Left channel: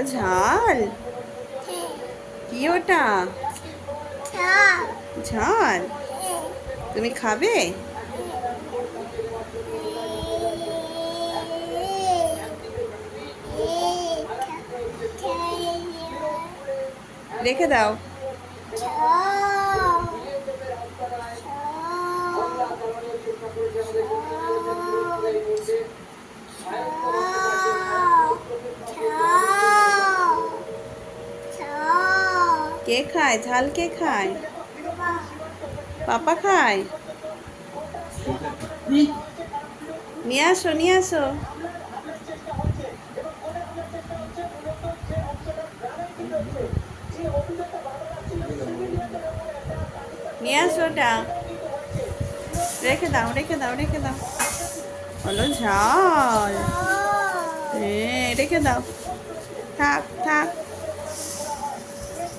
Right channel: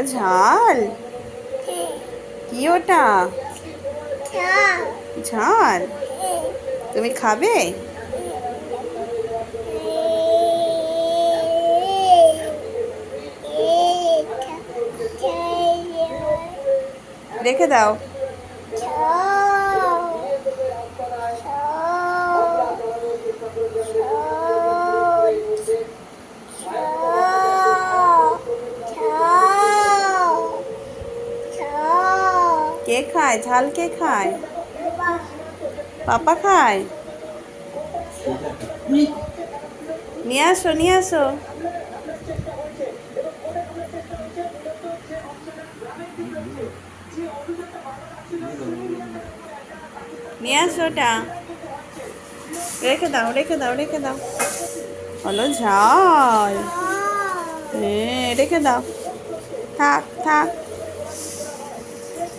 ওটা ঝাল? কি ওটা? ঝাল? তুমি খাবে? রেখে দাও। কে খায় ঝাল? কে খায়? পাপা খায়? নিয়ে আসো, নিয়ে আসো। নিয়ে আসো ওটা। রেখে দাও, রেখে দাও, রেখে দাও। হলো ঝাল। হ্যাঁ, রেখে দাও। থাক থাক।